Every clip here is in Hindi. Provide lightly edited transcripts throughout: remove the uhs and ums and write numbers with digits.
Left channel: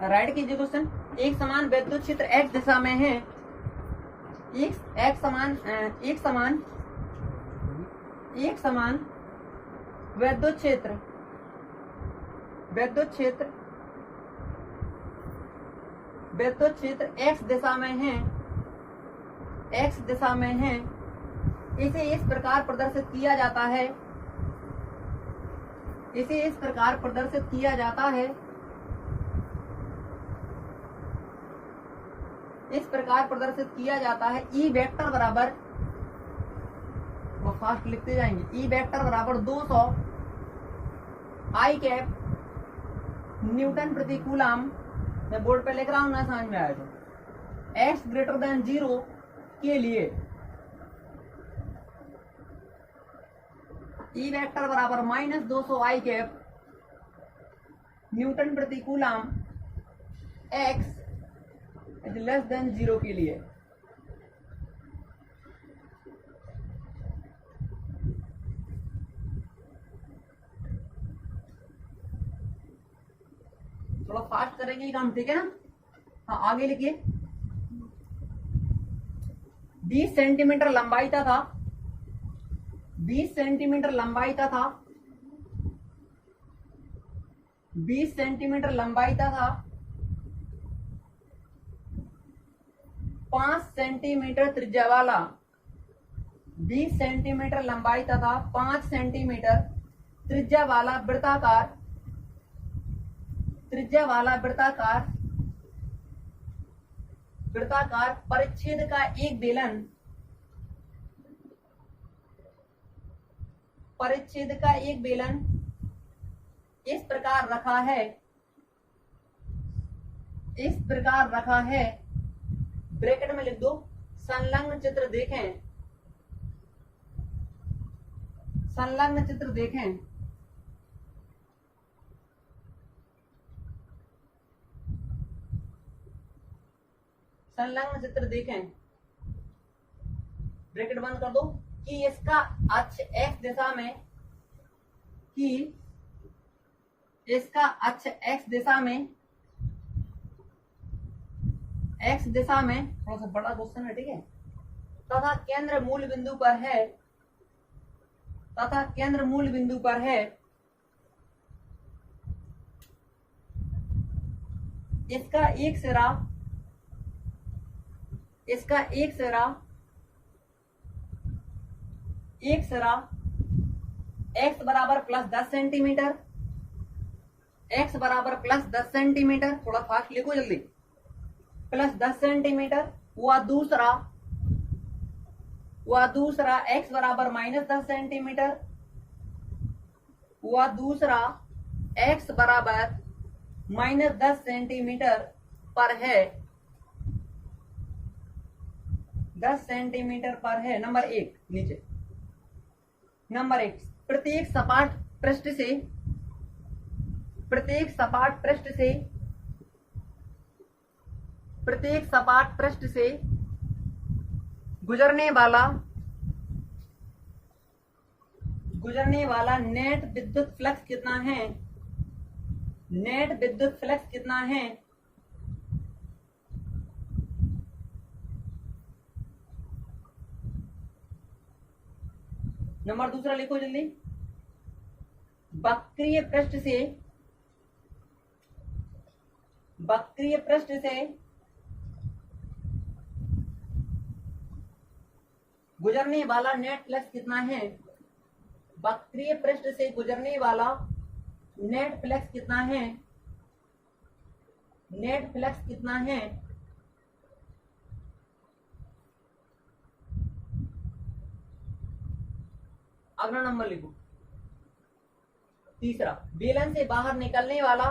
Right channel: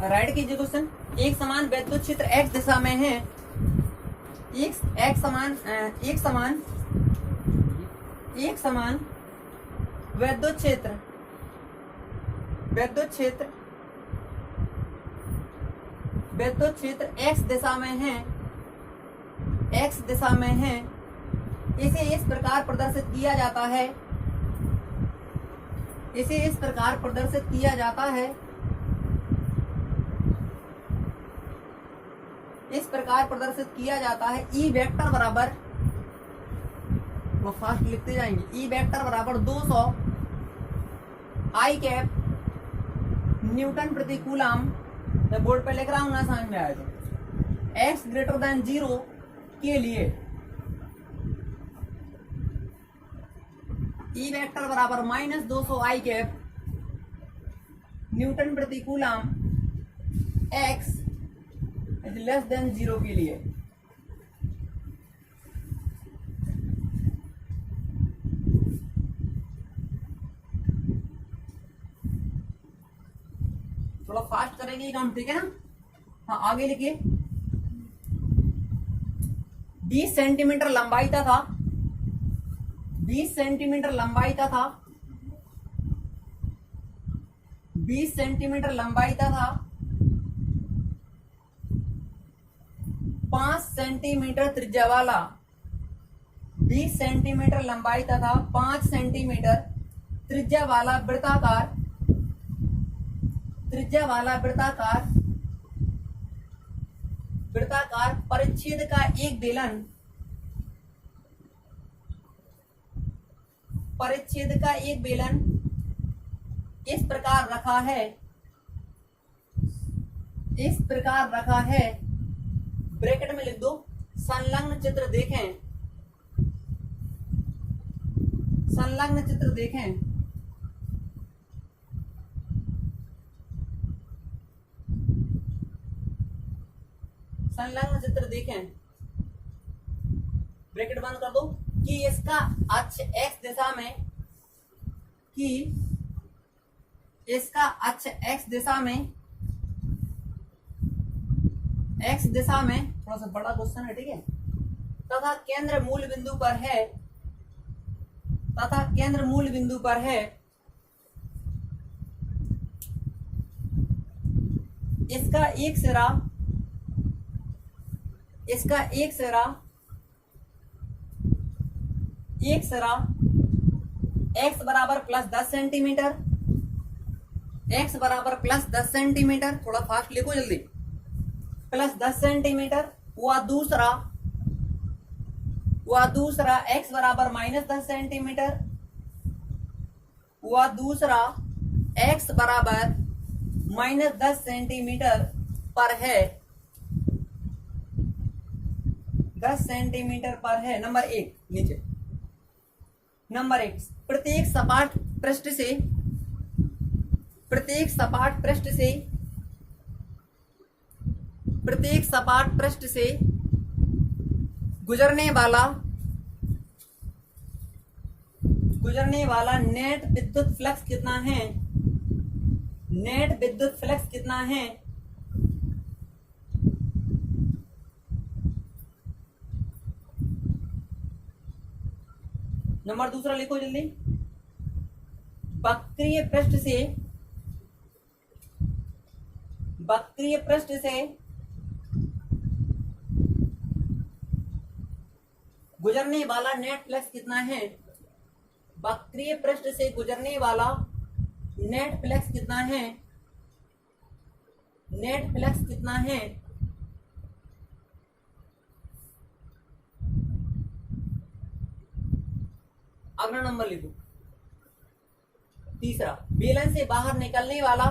राइट कीजिए क्वेश्चन। एक समान विद्युत क्षेत्र x दिशा में है। एक समान विद्युत क्षेत्र x दिशा में है, इसे इस प्रकार प्रदर्शित किया जाता है, ई वेक्टर बराबर, वो फास्ट लिखते जाएंगे, ई वेक्टर बराबर 200 आई कैप न्यूटन प्रति कूलम। मैं बोर्ड पे लिख रहा हूं ना, समझ में आया तो। x ग्रेटर देन 0 के लिए ई वेक्टर बराबर -200 आई कैप न्यूटन प्रति कूलम x लेस देन 0 के लिए। थोड़ा फास्ट करेंगे ये काम, ठीक है ना। हाँ आगे लिखिए। 20 सेंटीमीटर लंबाई था 20 सेंटीमीटर लंबाई था 5 सेंटीमीटर त्रिज्या वाला 20 सेंटीमीटर लंबाई था 5 सेंटीमीटर त्रिज्या वाला वृत्ताकार परिच्छेद का एक बेलन इस प्रकार रखा है, ब्रैकेट में लिख दो, संलग्न चित्र देखें। संलग्न चित्र देखें, ब्रैकेट बंद कर दो, कि इसका अक्ष x दिशा में थोड़ा सा बड़ा क्वेश्चन है, ठीक है। तथा केंद्र मूल बिंदु पर है इसका एक सिरा x बराबर +10 सेंटीमीटर, थोड़ा फास्ट लिखो जल्दी, +10 सेंटीमीटर। वह दूसरा x बराबर -10 सेंटीमीटर, x बराबर -10 सेंटीमीटर पर है, 10 सेंटीमीटर पर है। नंबर 1 नीचे। नंबर 1, प्रत्येक सपाट पृष्ठ से गुजरने वाला नेट विद्युत फ्लक्स कितना है? नंबर दूसरा लिखो जल्दी। वक्रीय पृष्ठ से गुजरने वाला नेट फ्लक्स कितना है? वक्रीय पृष्ठ से गुजरने वाला नेट फ्लक्स कितना है? अगला नंबर लिखो। तीसरा, बेलन से बाहर निकलने वाला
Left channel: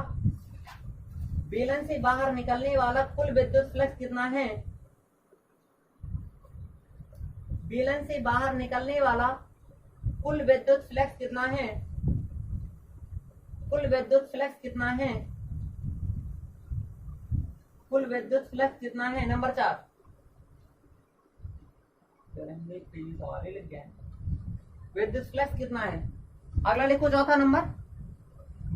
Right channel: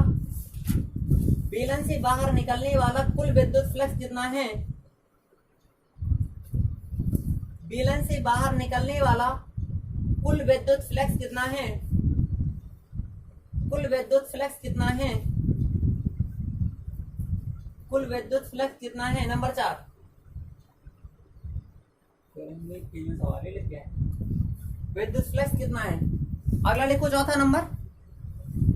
कुल विद्युत फ्लक्स कितना है? बेलन से बाहर निकलने वाला कुल विद्युत फ्लक्स कितना है? कुल विद्युत फ्लक्स कितना है? नंबर 4। विद्युत फ्लक्स कितना है? अगला लिखो चौथा नंबर।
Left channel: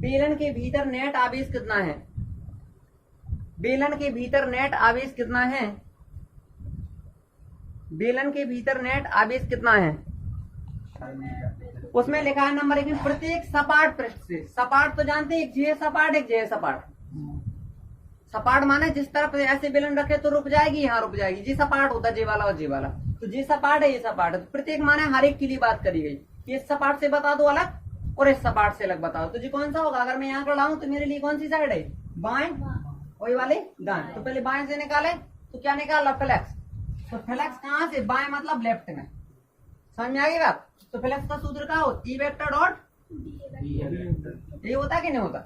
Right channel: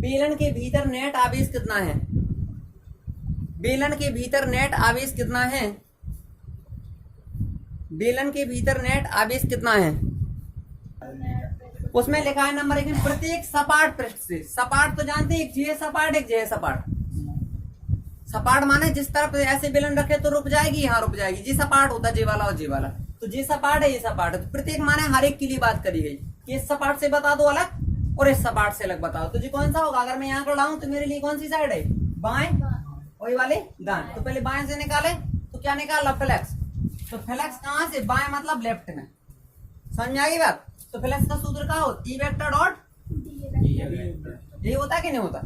बेलन के भीतर नेट आवेश कितना है? बेलन के भीतर नेट आवेश कितना है? बेलन के भीतर नेट आवेश कितना है? उसमें लिखा है नंबर 1 में प्रत्येक सपाट पृष्ठ से। सपाट तो जानते हैं, एक जे सपाट एक जे सपाट। सपाट माने जिस तरफ ऐसे बेलन रखे तो रुक जाएगी, यहाँ रुक जाएगी। जी सपाट होता है जे वाला और जे वाला, तो जे सपाट है ये सपाट है। तो प्रत्येक माने हर एक के लिए बात करी गई कि इस सपाट से बता दो अलग और इस सपाट से अलग बताओ। तो जी कौन सा होगा? अगर मैं यहाँ को लाऊं तो मेरे लिए कौन सी साइड है? बाएं, वही वाले दाएं। तो पहले बाएं से निकाले तो क्या निकाला? फ्लैक्स। तो फ्लैक्स कहाँ से? बाएं मतलब लेफ्ट में। समझ में आ गई बात? तो फ्लैक्स का सूत्र क्या हो? ई वेक्टर डॉट ये होता है कि नहीं होता?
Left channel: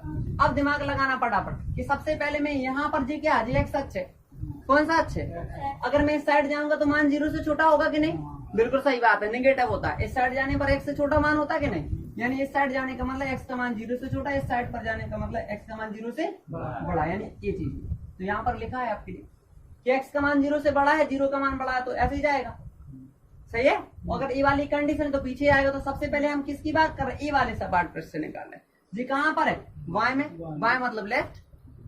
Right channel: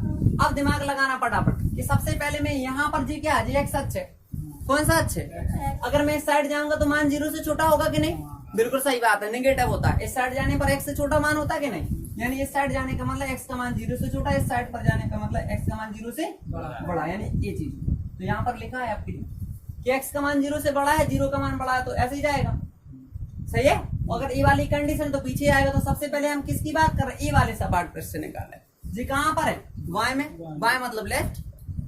अब दिमाग लगाना फटाफट कि सबसे पहले मैं यहाँ पर जी क्या है? जी एक्स अक्ष है। कौन सा अक्ष है? अगर मैं इस साइड जाऊंगा तो मान 0 से छोटा होगा कि नहीं? बिल्कुल सही बात है, नेगेटिव होता है। इस साइड जाने पर x से छोटा मान होता है कि नहीं? यानी इस साइड जाने का मतलब x का मान 0 से छोटा, इस साइड पर जाने का मतलब x का मान 0 से बड़ा, यानी ये चीज। तो यहाँ पर लिखा है आपके लिए कि x का मान 0 से बड़ा है, 0 का मान बड़ा है, तो ऐसे ही जाएगा। सही है? अगर ए वाली कंडीशन तो पीछे आएगा। तो सबसे पहले हम किसकी बात कर रहे हैं? ए वाले सपाट पृष्ठ से निकाल रहे हैं। जी कहाँ पर है? बाएं में। बाएं मतलब लेफ्ट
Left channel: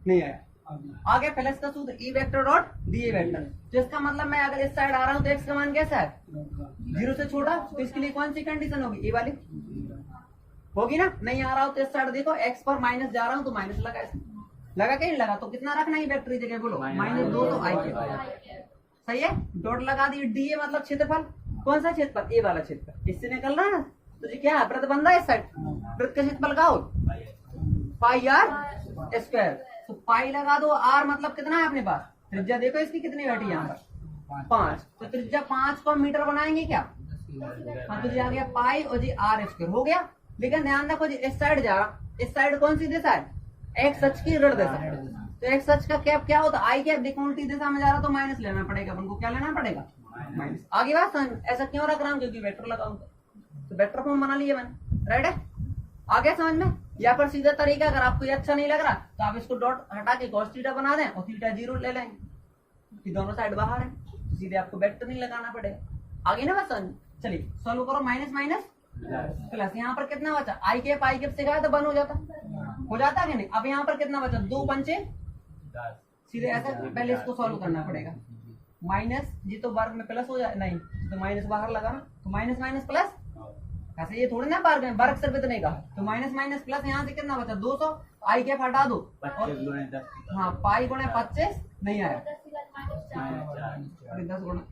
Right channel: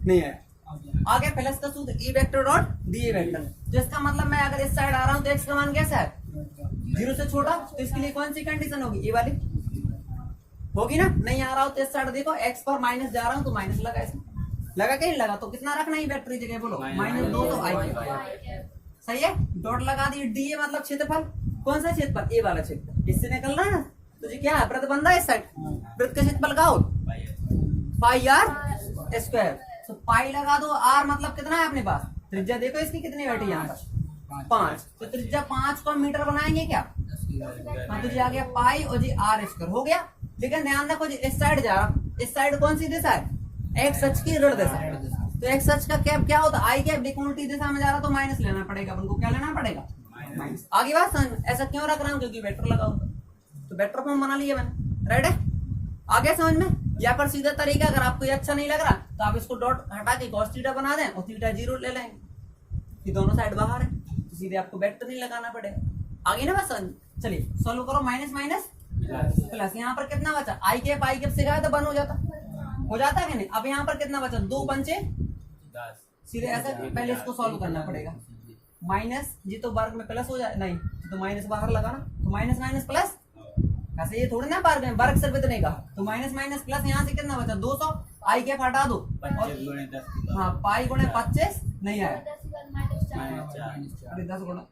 नहीं है। आगे प्लस का सूत्र E vector dot D vector, जिसका मतलब मैं अगर इस साइड आ रहा हूँ तो एक्स का मान कैसा है? 0 से छोटा। तो इसके लिए कौन सी कंडीशन होगी? ये वाली होगी ना। नहीं आ रहा हूँ तो इस साइड देखो, एक्स पर माइनस जा रहा हूँ तो माइनस लगा, इसमें लगा कि नहीं लगा? तो कितना रखना है वेक्टर की जगह? बोलो -2 तो आई। सही है? डॉट लगा दी। डी ए मतलब क्षेत्रफल। कौन सा क्षेत्रफल? ए वाला क्षेत्रफल। इससे निकल रहा है ना। तो जी क्या है? वृत्त बन रहा है इस साइड। वृत्त का क्षेत्रफल का हो पाई आर स्क्वायर। तो पाई लगा दो। आर मतलब कितना है अपने पास? त्रिज्या देखो इसकी कितनी बैठी है यहाँ पर? 5। तो त्रिज्या 5 को मीटर बनाएंगे क्या? हाँ, तो जी आ गया पाई और जी आर स्क्वायर हो गया। लेकिन ध्यान रखो जी इस साइड जा रहा, इस साइड कौन सी दिशा है? एक्स अक्ष की ऋण दिशा। तो एक्स अक्ष का कैप क्या होता है? आई कैप। देखो उल्टी दिशा में जा रहा तो माइनस लेना पड़ेगा अपन को। क्या लेना पड़ेगा? माइनस। आगे बात समझ। ऐसा क्यों रख रहा हूँ? क्योंकि वेक्टर लगाऊंगा तो वेक्टर फॉर्म बना लिया मैंने। राइट है? आगे समझ में? यहाँ पर सीधा तरीका, अगर आपको ये अच्छा नहीं लग रहा तो आप इसको डॉट हटा के cos थीटा बना दें और थीटा 0 ले लेंगे, कि दोनों साइड बाहर है, तो सीधे आपको वेक्टर नहीं लगाना पड़ेगा। आगे ना बस समझ। चलिए सॉल्व करो। Minus minus plus. यहाँ पर कितना बचा? आई कैप से गया तो 1 हो जाता है कि नहीं? अब यहाँ पर कितना बचा? 2 पंचे 10। सीधे ऐसा पहले इसको सॉल्व करना पड़ेगा। माइनस जी तो वर्ग में प्लस हो जाए, नहीं तो माइनस बाहर लगाना, तो माइनस माइनस प्लस। ऐसे ये थोड़ी ना वर्ग में, वर्ग सिर्फ इतने का। तो माइनस माइनस प्लस, यहाँ से कितना बचा? 200। आई कैप हटा दो। हाँ, पाई गुणे 25 नहीं आया। अरे 10 गुणा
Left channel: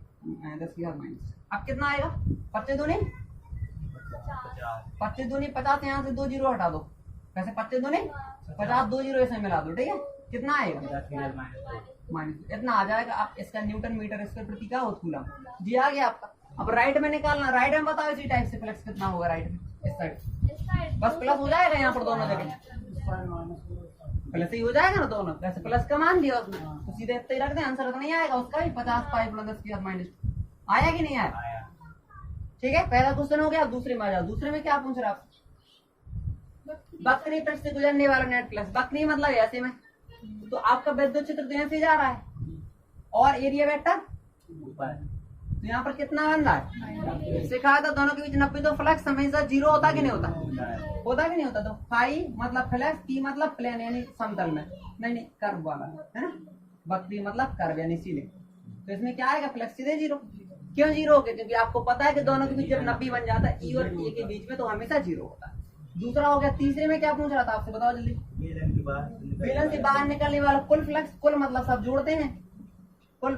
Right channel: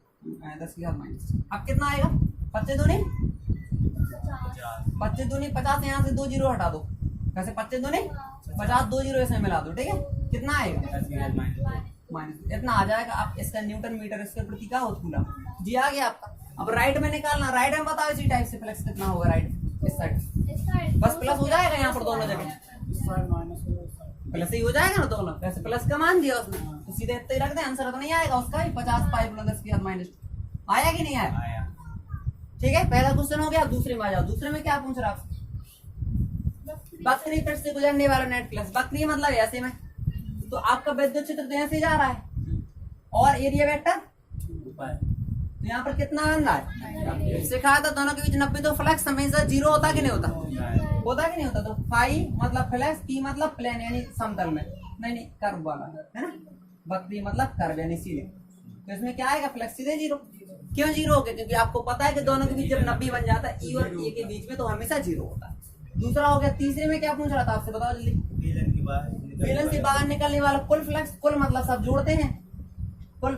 10 की माइनस। अब कितना आएगा? 25 दूनी 50। यहाँ से 2 जीरो हटा दो। वैसे 25 दूनी 50, 2 जीरो इसमें मिला दो। ठीक है? कितना आएगा? माइनस इतना आ जाएगा। आप इसका न्यूटन मीटर स्क्वायर प्रति का कूलम जी आ गया आपका। अब राइट में निकालना। राइट में बताओ इसी टाइप से फ्लक्स कितना होगा राइट में? इस साइड बस प्लस हो जाएगा। यहाँ पर दोनों जगह प्लस ही हो जाएगा ना दोनों। वैसे प्लस का मान दिया उसने तो सीधे इतना ही रख दे। आंसर तो नहीं आएगा उसका भी। 50 पाई गुणा 10 की घात -2 आया कि नहीं आया? ठीक है, पहला क्वेश्चन हो गया। दूसरे में आ जाओ। दूसरे में क्या पूछ रहा आप? वक्री पृष्ठ से गुजरने वाला नेट फ्लक्स। वक्री मतलब ऐसे में, तो आपका विद्युत क्षेत्र तो ऐसे जा रहा है और एरिया वेक्टर तो यहाँ पर कितना बन रहा है? सिखाया था दोनों के बीच 90। तो फ्लक्स हमेशा 0 होता कि नहीं होता? होता कि नहीं होता? तो फाई मतलब फ्लक्स, पी मतलब प्लेन यानी समतल में, नहीं कर्व वाला है ना। वक्री मतलब कर्व यानी सीधे। तो इसमें क्या आएगा? फ्लक्स सीधे 0। क्यों 0 हो गया? क्योंकि आपको पता है कि दोनों के बीच जब 90 बन जाता है ई और ए के बीच में तो हमेशा 0 होता है। दूसरा हो गया। तीसरे में क्या पूछ रहा था आपसे? बताओ जल्दी। बेलन से बाहर निकलने वाला कुल फ्लक्स। कुल मतलब सब जोड़ते हैं। कुल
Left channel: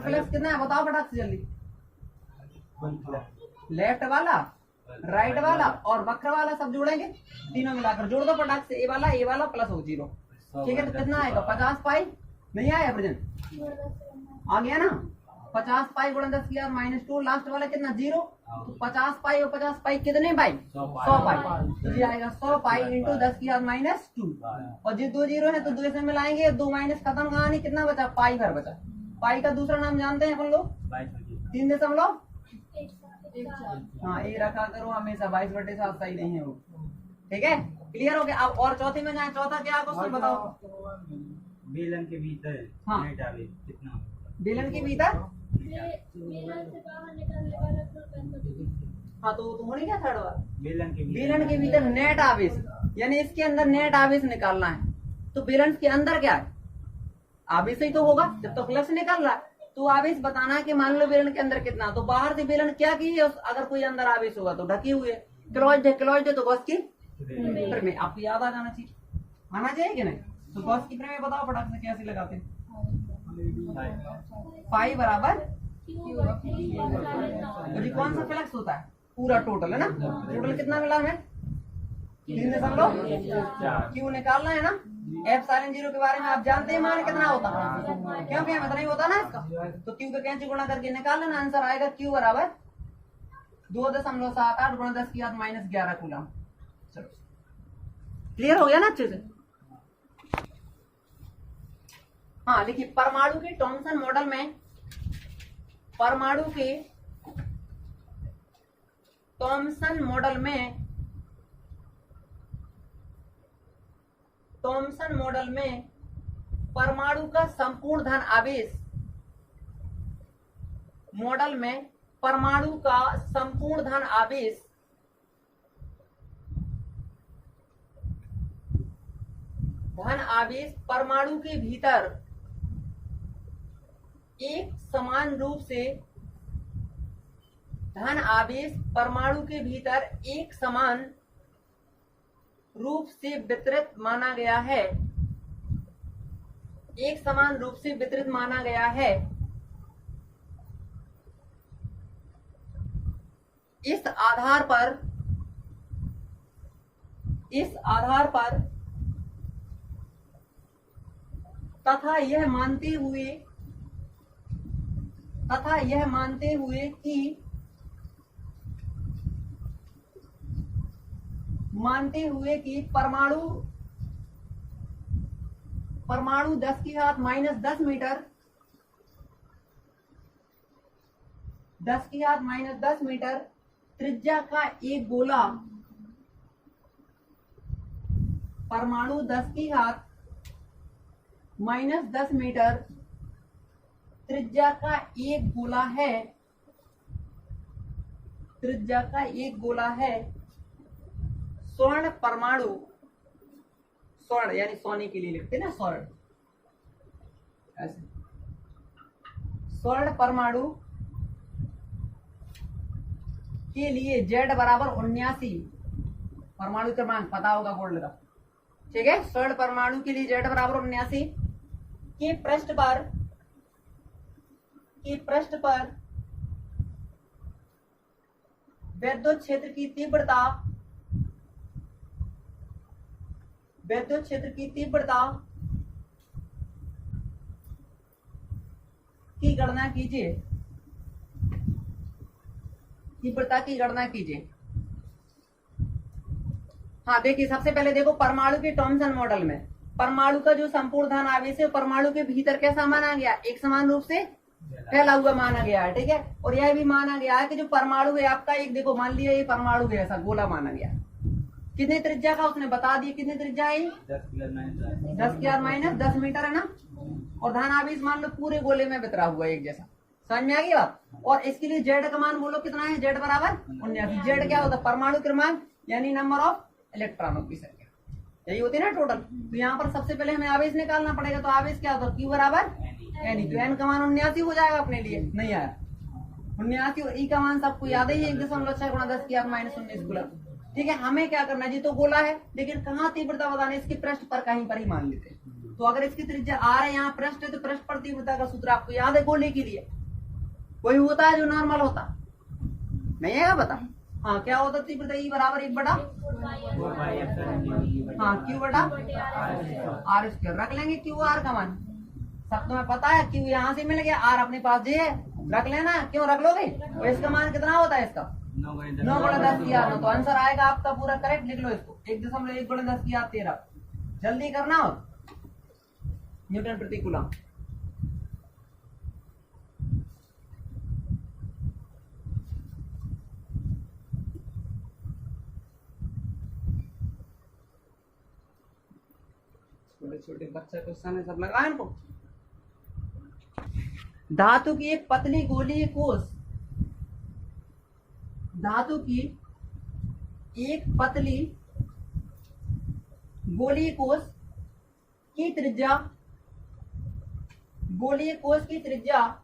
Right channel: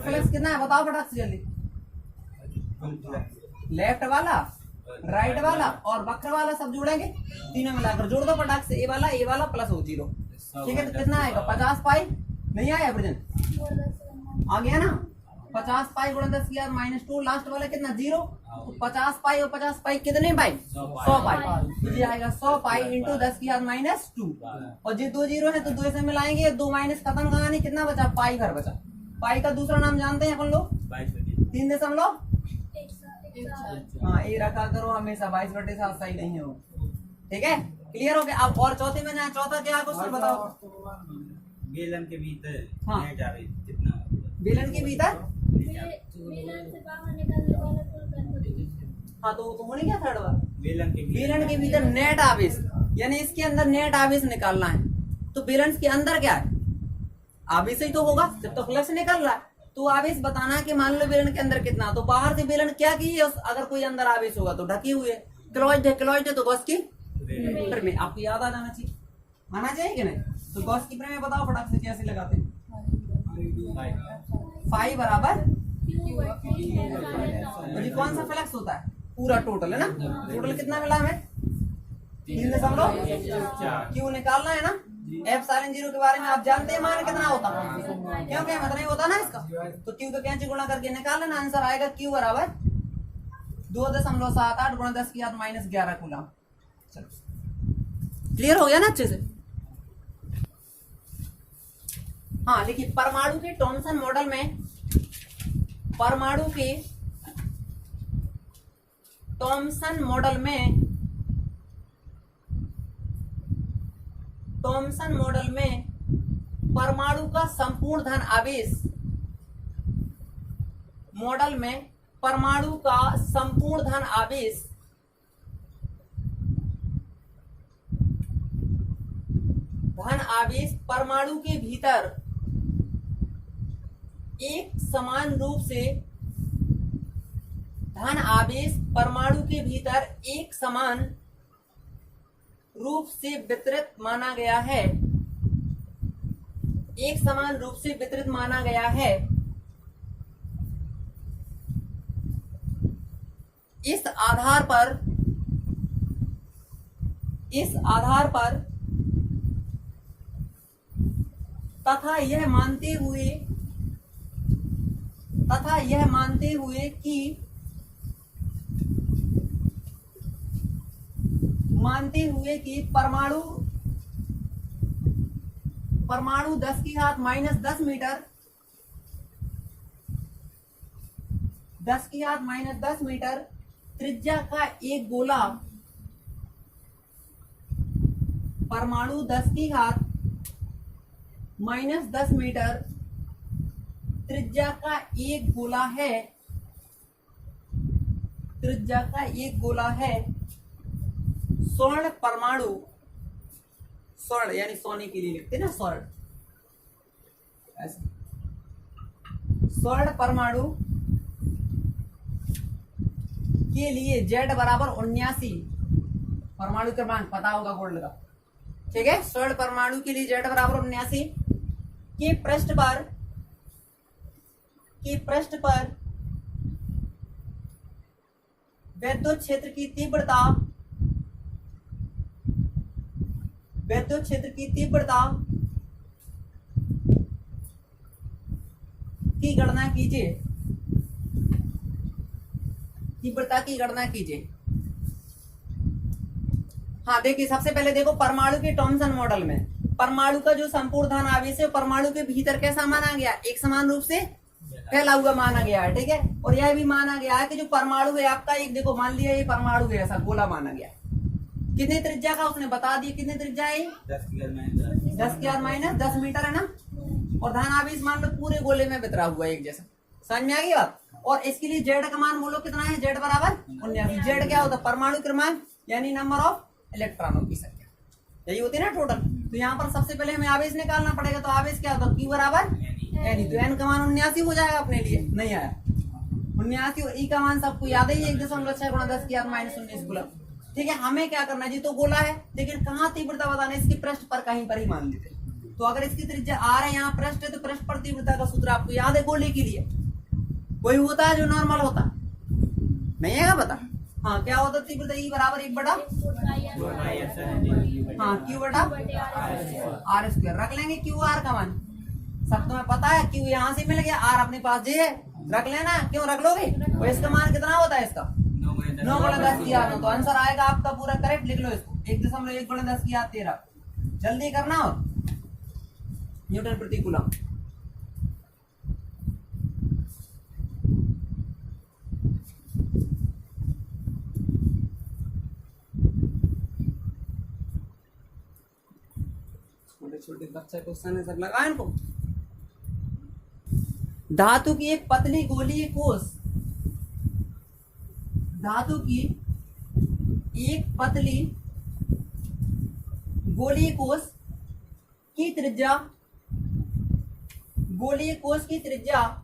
फ्लक्स कितना है? बताओ फटाक से जल्दी। लेफ्ट वाला, राइट वाला और वक्र वाला सब जोड़ेंगे। तीनों मिलाकर जोड़ दो फटाक से। ए वाला प्लस हो 0। ठीक है, तो कितना आएगा? 50 पाई नहीं आया प्रेजेंट? आ गया ना। 50 पाई गुणा 10 की घात -2। लास्ट वाला कितना? 0। तो 50 पाई और 50 पाई कितने पाई? 100 पाई। तो ये आएगा 100 पाई इंटू 10 की घात -2। और जी 2 जीरो है तो 2 से मिलाएंगे। 2 माइनस खत्म कहा नहीं। कितना बचा? पाई भर बचा। पाई का दूसरा नाम जानते हैं अपन लोग? 3.1। हाँ, ये रखा करो हमेशा। 22/7 सही नहीं है वो। ठीक है, क्लियर हो गया। अब और चौथे में जाए। चौथा क्या क्वेश्चन बताओ? बेलन के भीतर नेट आवेश कितना होगा? बेलन के भीतर बेलन से बाहर निकलने वाला कुल बल। हाँ, तो होने क्या थर्ड बार? बेलन के भीतर नेट आवेश, यानी इसके अंदर नेट आवेश निकालना है। तो बैलेंस के अंदर क्या है, आवेश ही तो होगा जब तो फ्लक्स निकल रहा है। तो आवेश बताना है कि मान लो बेलन के अंदर कितना, तो बाहर से बेलन क्या की है, अगर कोई अंदर आवेश होगा तो ढकी हुई है, क्लॉइड है तो गॉस की प्रमेय आपको याद आ जाना चाहिए, आना चाहिए कि नहीं। तो गॉस की प्रमेय बताओ फटाक से कैसे लगाते हैं। फाई बराबर ये कौन सा फ्लक्स होता है, पूरा टोटल है ना, टोटल कितना मिला हमें 3.4 क्यों निकालना है ना। एप्सिलॉन 0 के बारे में आप जानते हैं मान कितना होता है, क्योंकि मतलब नहीं होता ना इसका, तो क्यू का कैंची गुणा करके निकाल लेना, आंसर आएगा क्यू बराबर 2.78 गुणा 10 की घात -11 कूलम। चलो क्लियर हो गया ना अच्छे से। हाँ देखिए परमाणु के थॉमसन मॉडल में, परमाणु के थॉमसन मॉडल में, थॉमसन मॉडल में परमाणु का संपूर्ण धन आवेश, मॉडल में परमाणु का संपूर्ण धन आवेश परमाणु के भीतर एक समान रूप से, धन आवेश परमाणु के भीतर एक समान रूप से वितरित माना गया है, एक समान रूप से वितरित माना गया है। इस आधार पर तथा यह मानते हुए कि परमाणु 10 की घात -10 मीटर, 10 की घात -10 मीटर त्रिज्या का एक गोला, परमाणु 10 की घात -10 मीटर त्रिज्या का एक गोला है, त्रिज्या का एक गोला है। स्वर्ण परमाणु, स्वर्ण यानी सोने के लिए लिखते ना स्वर्ण, ऐसे स्वर्ण परमाणु के लिए Z बराबर 79, परमाणु क्रमांक पता होगा गोल्ड का, ठीक है। स्वर्ण परमाणु के लिए Z बराबर 79 के पृष्ठ पर विद्युत क्षेत्र की तीव्रता की गणना कीजिए, तीव्रता की गणना कीजिए। हाँ देखिए सबसे पहले देखो परमाणु के थॉमसन मॉडल में परमाणु का जो संपूर्ण धन आवेश है परमाणु के भीतर कैसा माना गया, एक समान रूप से फैला हुआ माना गया है, ठीक है। और यह भी माना गया है कि जो परमाणु है आपका, एक देखो मान लिया ये परमाणु है, ऐसा गोला माना गया, कितनी त्रिज्या का उसने बता दिया, कितनी त्रिज्या है 10 की घात -10 मीटर है ना। और धन आवेश मान लो पूरे गोले में वितरा हुआ एक जैसा, समझ में आ गई बात। और इसके लिए जेड का मान बोलो कितना है, जेड बराबर 79। जेड क्या होता है, परमाणु क्रमांक यानी नंबर ऑफ इलेक्ट्रॉनों की संख्या, यही होती है ना टोटल। तो यहाँ पर सबसे पहले हमें आवेश निकालना पड़ेगा, तो आवेश क्या होता है, क्यू बराबर एन, तो एन का मान 79 हो जाएगा अपने लिए, नहीं आया 79। और ई का मान सबको याद है 1.6 गुणा 10 की घात -19 कूलम, ठीक है। हमें क्या करना है जी, तो गोला है लेकिन कहाँ तीव्रता बताना है, इसके पृष्ठ पर कहीं पर ही मान लेते हैं। तो अगर इसकी त्रिज्या r है, यहाँ पृष्ठ है, तो पृष्ठ पर तीव्रता का सूत्र आपको याद है गोले के लिए, वही होता है जो नॉर्मल होता नहीं है, बता। हाँ क्या होता है तीव्रता, ई बराबर 1/, हाँ क्यू बटा आर स्क्वायर, रख लेंगे क्यू आर का मान, सब तुम्हें पता है। क्यू यहाँ से मिल गया, आर अपने पास जी है, रख लेना, क्यों रख लोगे। और इसका मान कितना होता है, इसका 9 गुणा 10 की घात 9, तो आंसर आएगा आपका पूरा करेक्ट, लिख लो इसको 1.1 गुणा 10 की घात 13, जल्दी करना। और न्यूटन प्रति कूलम, छोटे छोटे बच्चा क्वेश्चन है, सब लगाओ इनको। धातु की एक पतली गोलीय कोष, धातु की एक पतली गोलीय कोष की त्रिज्या, गोलीय कोश की त्रिज्या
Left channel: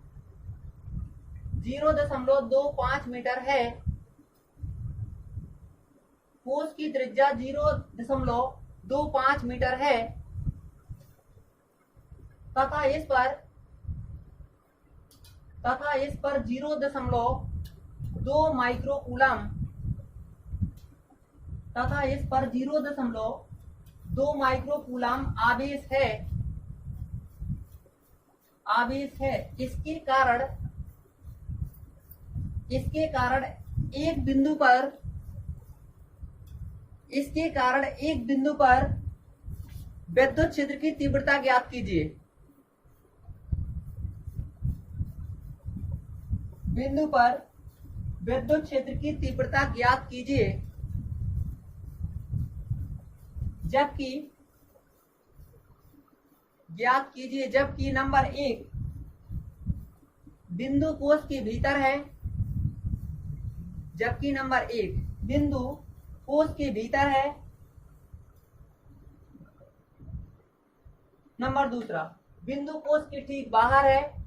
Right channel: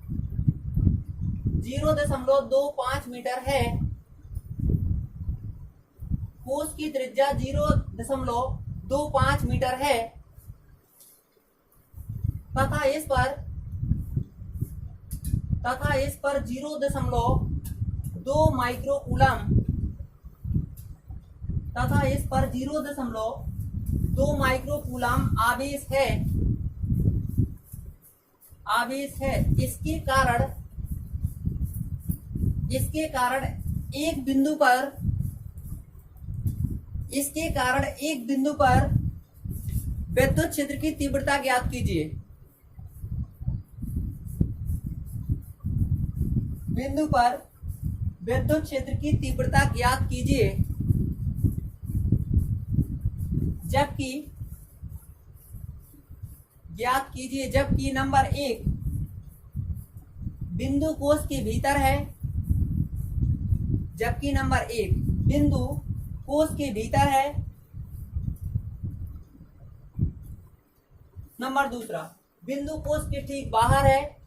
0.25 मीटर है। कोश की त्रिज्या 0.25 मीटर है तथा इस पर 0.2 माइक्रोकूलम तथा इस पर 0.2 माइक्रोकूलम आवेश है। इसके कारण एक बिंदु पर विद्युत क्षेत्र की तीव्रता ज्ञात कीजिए। बिंदु पर विद्युत क्षेत्र की तीव्रता ज्ञात कीजिए जबकि नंबर 1 बिंदु कोश के भीतर है। जबकि नंबर 1 बिंदु कोश के भीतर है। नंबर 2 बिंदु कोश के ठीक बाहर है।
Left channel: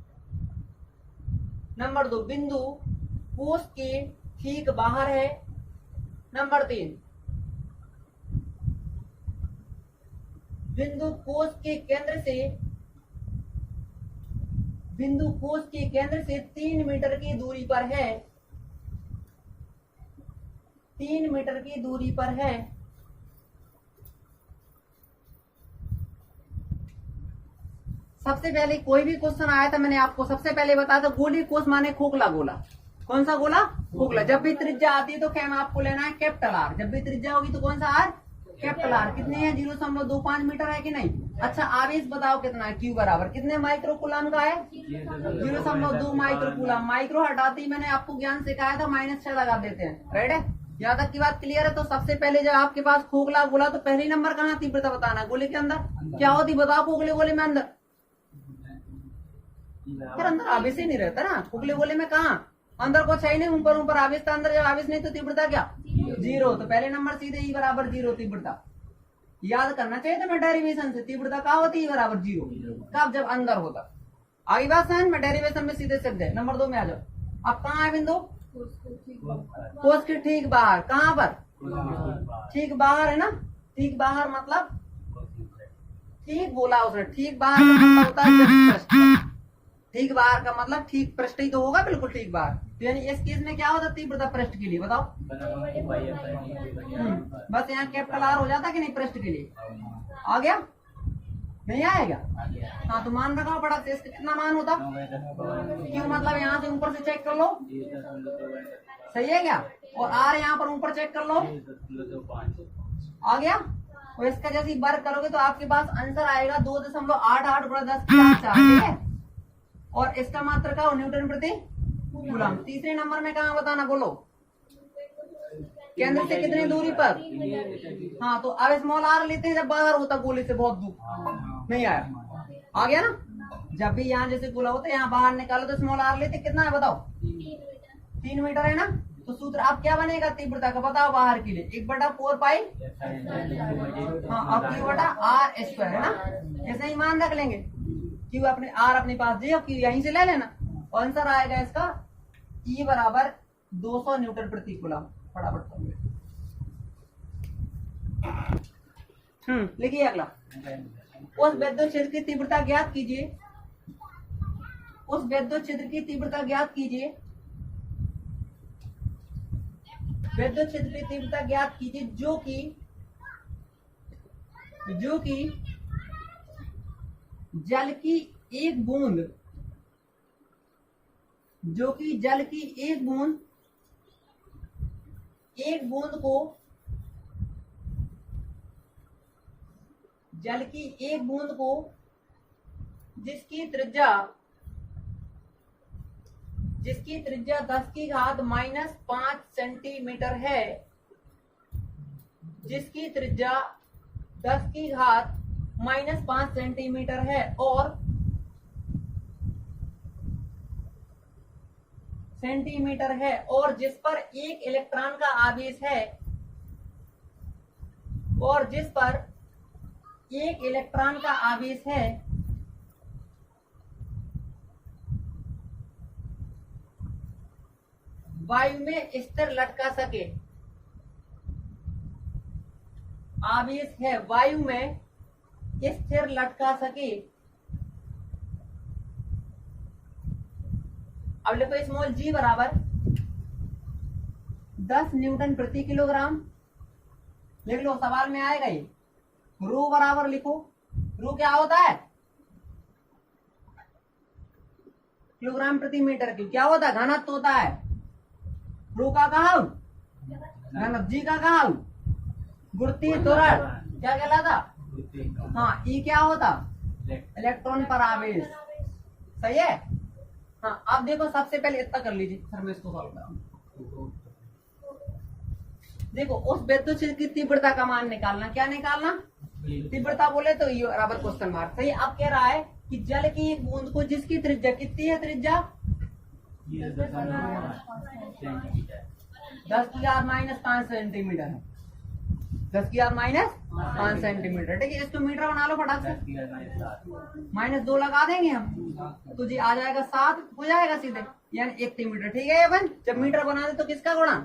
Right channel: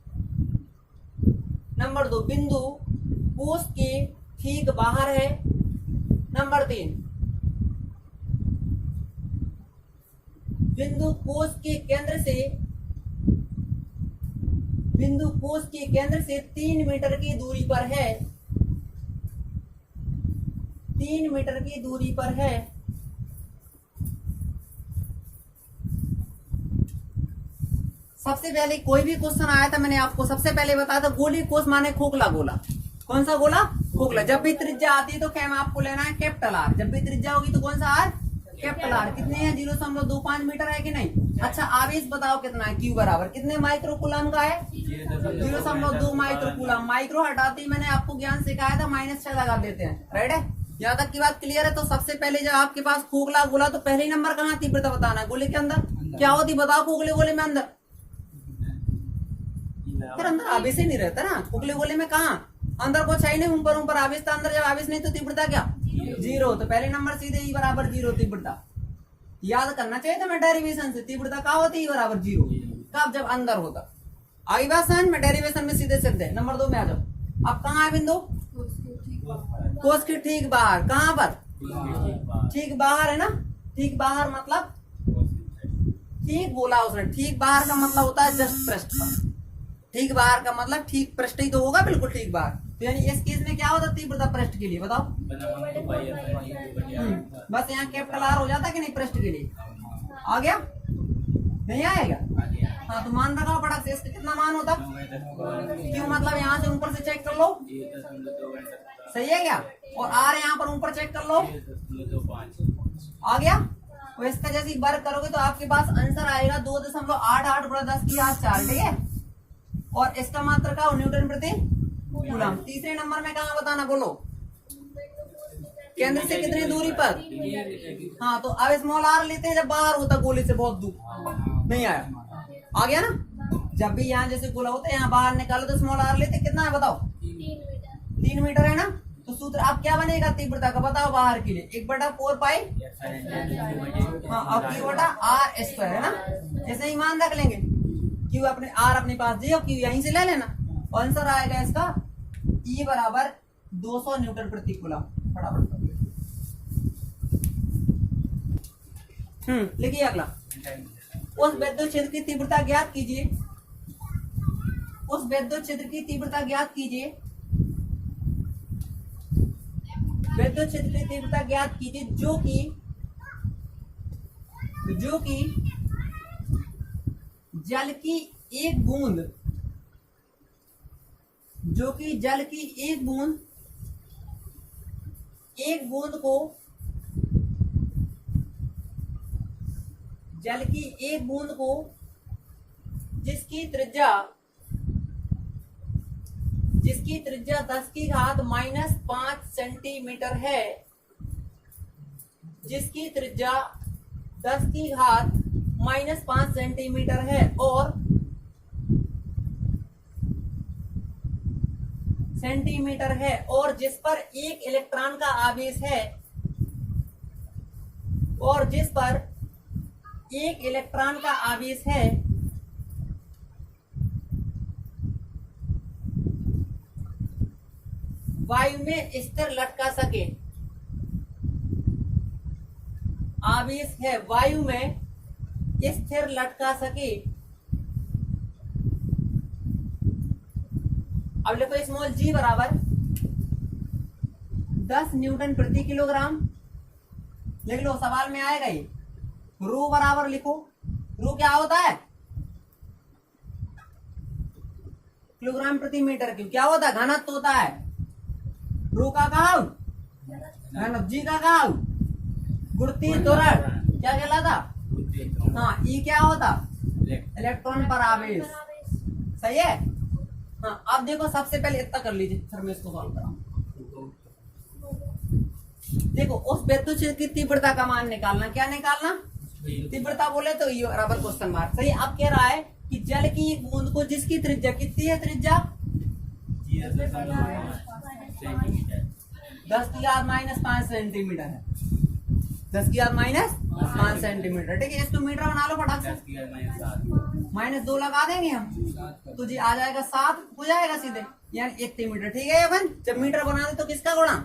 नंबर 2 बिंदु कोश के ठीक बाहर है। नंबर 3 बिंदु कोश के केंद्र से 3 मीटर की दूरी पर है। 3 मीटर की दूरी पर है। सबसे पहले कोई भी क्वेश्चन आया था, मैंने आपको सबसे पहले बताया था गोली कोश माने खोखला गोला। कौन सा गोला? खोखला। जब भी त्रिज्या आती है तो क्या आपको लेना है? Capital R. जब भी त्रिज्या होगी तो कौन सा आर? Capital R. कितने हैं? 0.25 मीटर है कि नहीं? अच्छा, आवेश बताओ कितना है? क्यू बराबर कितने माइक्रोकूलम का है? 0.2 माइक्रोकूलम। माइक्रो हटाते मैंने आपको ज्ञान सिखाया था, -6 लगा देते हैं। राइट है? यहाँ तक की बात क्लियर है? तो सबसे पहले जब आपके पास खोखला गोला तो पहले नंबर कहाँ तीव्रता बताना है? गोले के अंदर क्या होती बताओ? खोखले गोले में अंदर फिर अंदर आवेश ही नहीं रहता ना। खोखले गोले में कहाँ अंदर कुछ है ही नहीं, ऊपर आवेश था। अंदर जब आवेश नहीं तो तीव्रता क्या? 0। तो पहले नंबर सीधे E बराबर 0 तीव्रता याद करना चाहिए था मैं डेरिवेशन से। तीव्रता क्या होती है? E बराबर 0 कब? जब अंदर होता। आगे बात समझ में? डेरिवेशन में सीधे सीधे। नंबर 2 में आ जाओ। अब कहाँ है बिंदु? कोश के ठीक बाहर। कहाँ पर? ठीक बाहर है ना। ठीक बाहर मतलब ठीक बोला उसने। ठीक बाहर का मतलब होता है जस्ट पृष्ठ। ठीक बाहर का मतलब ठीक पृष्ठ ही तो होगा, बिल्कुल ठीक बाहर। तो यानी इस केस में क्या होता? तीव्रता पृष्ठ के लिए बताओ। बस यहाँ कैपिटल आर हो जाता कि नहीं पृष्ठ के लिए? आ गया? नहीं आएगा? हाँ, तो मान रखा पड़ा से इसका कितना मान होता? क्यों मतलब यहाँ से ऊपर से चेक कर लो। सही है क्या? और आर यहाँ पर ऊपर चेक कर लो। आ गया? और इसका जैसे वर्ग करोगे तो आपके पास आंसर आएगा 2.88 × 10⁴ ठीक है। और इसका मात्रा का न्यूटन प्रति कूलम। तीसरे नंबर में कहाँ बताना बोलो? केंद्र से कितनी दूरी पर? हाँ, तो अब स्मॉल आर लेते हैं जब बाहर होता गोले से बहुत दूर। नहीं आया? आ गया ना? जब भी यहाँ जैसे गोला होता है यहाँ बाहर निकालो तो स्मॉल आर लेते कितना है बताओ? 3 मीटर है ना। तो सूत्र अब क्या बनेगा तीव्रता का बताओ बाहर के लिए? 1/4 पाई। हाँ, अब Q/r² है ना। ऐसे ही मान रख लेंगे। क्यू अपने आर अपने पास जे और क्यू यहीं से ले लेना। आंसर आएगा इसका E बराबर 200 न्यूटन प्रति कूलम। फटाफट लिखिए अगला। उस विद्युत क्षेत्र की तीव्रता ज्ञात कीजिए। उस विद्युत क्षेत्र की तीव्रता ज्ञात कीजिए। विद्युत क्षेत्र की तीव्रता ज्ञात कीजिए जो कि जल की एक बूंद को जिसकी त्रिज्या 10⁻⁵ सेंटीमीटर है। जिसकी त्रिज्या 10⁻⁵ सेंटीमीटर है और जिस पर एक इलेक्ट्रॉन का आवेश है। और जिस पर एक इलेक्ट्रॉन का आवेश है वायु में स्थिर लटका सके, आवेश है वायु में स्थिर लटका सके। अब लिखो स्मॉल जी बराबर 10 न्यूटन प्रति किलोग्राम। लिख लो, सवाल में आएगा ये। रो बराबर लिखो, रो क्या होता है? किलोग्राम प्रति मीटर क्यूब। क्या होता है? घनत्व होता है। रो का कहा घनत्व, जी का कहा गुरुत्वीय त्वरण, क्या कहलाता? हाँ, ई क्या होता? इलेक्ट्रॉन पर आवेश। सही है। हाँ, अब देखो सबसे पहले इतना कर लीजिए, फिर मैं इसको सॉल्व कराऊंगा। देखो, उस विद्युत क्षेत्र की तीव्रता का मान निकालना। क्या निकालना? तीव्रता बोले तो ई बराबर क्वेश्चन मार्क। सही। अब कह रहा है कि जल की एक बूंद को जिसकी त्रिज्या कितनी है? त्रिज्या 10⁻⁵ सेंटीमीटर है। 10⁻⁵ सेंटीमीटर। ठीक है, इसको मीटर बना लो फटाक से। -2 लगा देंगे हम, तो जी आ जाएगा 7 हो जाएगा सीधे, यानी 1 मीटर। ठीक है, अपन जब मीटर बना दे तो किसका गुणा?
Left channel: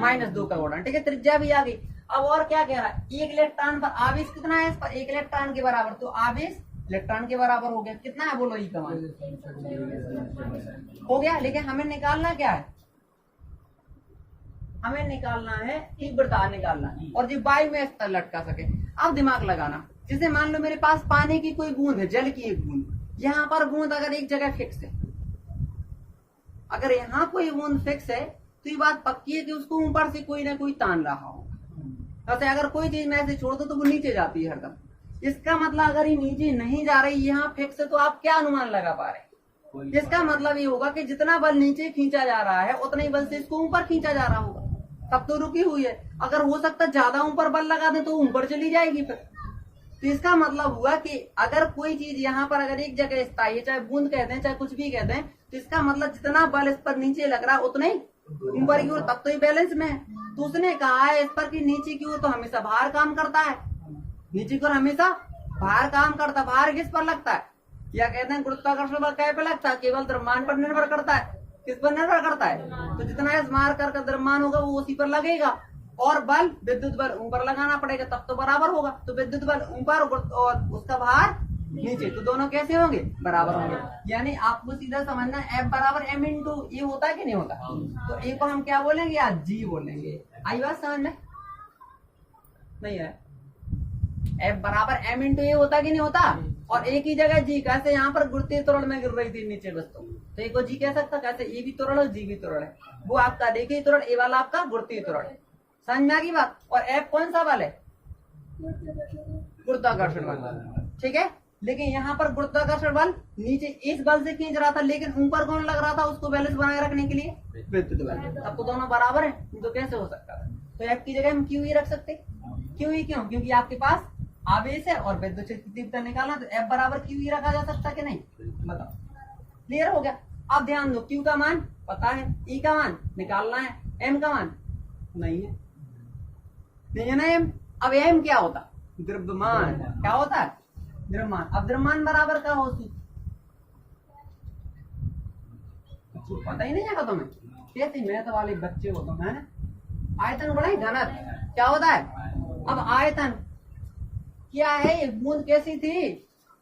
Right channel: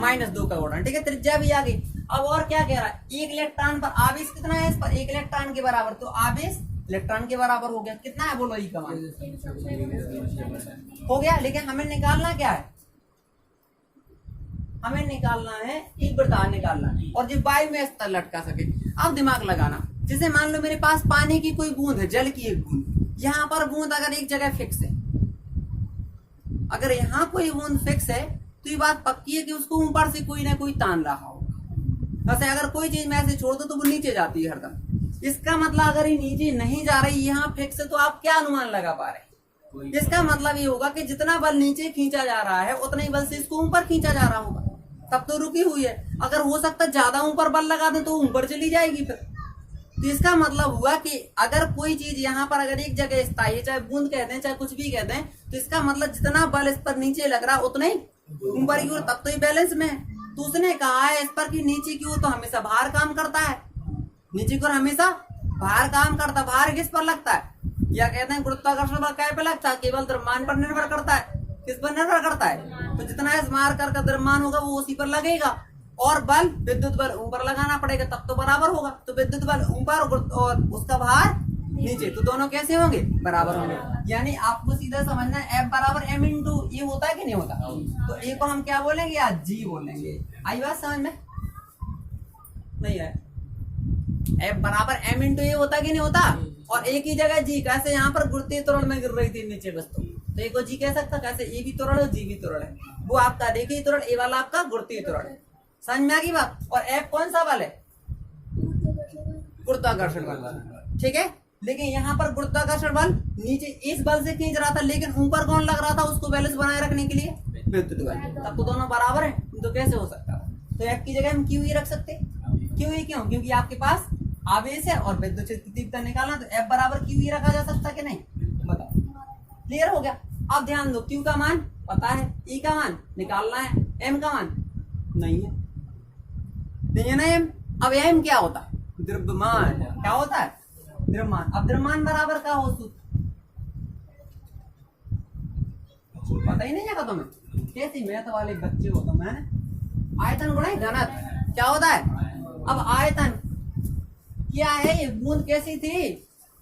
-2 का गुणा। ठीक है, त्रिज्या भी आ गई। अब और क्या कह रहा है? एक इलेक्ट्रॉन पर आवेश कितना है? इस पर 1 इलेक्ट्रॉन के बराबर, तो आवेश इलेक्ट्रॉन के बराबर हो गया। कितना है बोलो? ई का मान हो गया। लेकिन हमें निकालना क्या है? हमें निकालना है तीव्रता निकालना है, और जो वायु में स्तर लटका सके। अब दिमाग लगाना, जैसे मान लो मेरे पास पानी की कोई बूंद है, जल की एक बूंद। यहाँ पर बूंद अगर एक जगह फिक्स है, अगर यहाँ कोई बूंद फिक्स है तो ये बात पक्की है कि उसको ऊपर से कोई ना कोई तान रहा होगा। वैसे अगर कोई चीज मैं ऐसे छोड़ दो तो वो नीचे जाती है हरदम। इसका मतलब अगर ये नीचे नहीं जा रही, यहाँ फिक्स है, तो आप क्या अनुमान लगा पा रहे हैं? इसका मतलब ये होगा कि जितना बल नीचे खींचा जा रहा है उतना ही बल से इसको ऊपर खींचा जा रहा होगा, तब तो रुकी हुई है। अगर हो सकता है ज्यादा ऊपर बल लगा दे तो ऊपर चली जाएगी फिर। तो इसका मतलब हुआ कि अगर कोई चीज यहाँ पर अगर एक जगह स्थायी है, चाहे बूंद कहते हैं चाहे कुछ भी कहते हैं, तो इसका मतलब जितना बल इस पर नीचे लग रहा है उतना ही ऊपर की ओर, तब तो ये बैलेंस में है। तो उसने कहा है इस पर कि नीचे की ओर तो हमेशा भार काम करता है, नीचे की ओर हमेशा भार काम करता है। भार किस पर लगता है? या कहते हैं गुरुत्वाकर्षण बल क्या पे लगता है? केवल द्रव्यमान पर निर्भर करता है। किस पर निर्भर करता है? तो जितना इस मार कर द्रव्यमान होगा वो उसी पर लगेगा, और बल विद्युत बल ऊपर लगाना पड़ेगा, तब तो बराबर होगा। तो विद्युत बल ऊपर और उसका भार नीचे, तो दोनों कैसे होंगे? बराबर होंगे। यानी आपको सीधा समझना है F बराबर m इंटू ये होता है कि नहीं होता? तो ए को हम क्या बोलेंगे? या जी बोलेंगे। आई बात समझ में? नहीं है। F बराबर m इंटू ए होता कि नहीं होता? और एक ही जगह जी, कैसे यहाँ पर गुरुत्वीय त्वरण में गिर रही थी नीचे वस्तु, तो एक को जी कह सकता, कैसे ए भी त्वरण है जी भी त्वरण है। वो आपका देखिए त्वरण, ए वाला आपका गुरुत्वीय त्वरण है। समझ में आ गई बात? और F कौन सा बल है? गुरुत्वाकर्षण बल। ठीक है, लेकिन यहाँ पर गुरुत्वाकर्षण बल नीचे इस बल से खींच रहा था, लेकिन ऊपर कौन लग रहा था उसको बैलेंस बनाए रखने के लिए? विद्युत बल। तब तो दोनों बराबर है, तो कैसे हो सकता है? तो F की जगह हम क्यू ही रख सकते। क्यू ही क्यों? क्योंकि आपके पास आवेश है और विद्युत क्षेत्र की तीव्रता निकालना, तो F बराबर क्यू ही रखा जा सकता कि नहीं? बताओ। क्लियर हो गया? अब ध्यान दो, क्यू का मान पता है, ई का मान निकालना है, एम का मान नहीं है, नहीं है ना एम। अब एम क्या होता? द्रव्यमान। क्या होता है? द्रव्यमान। अब द्रव्यमान बराबर का हो सूत्र पता ही नहीं है तुम्हें? कैसी मैथ वाले बच्चे हो तुम, है ना? आयतन गुणा घनत्व। क्या होता है? अब आयतन क्या है? ये बूंद कैसी थी?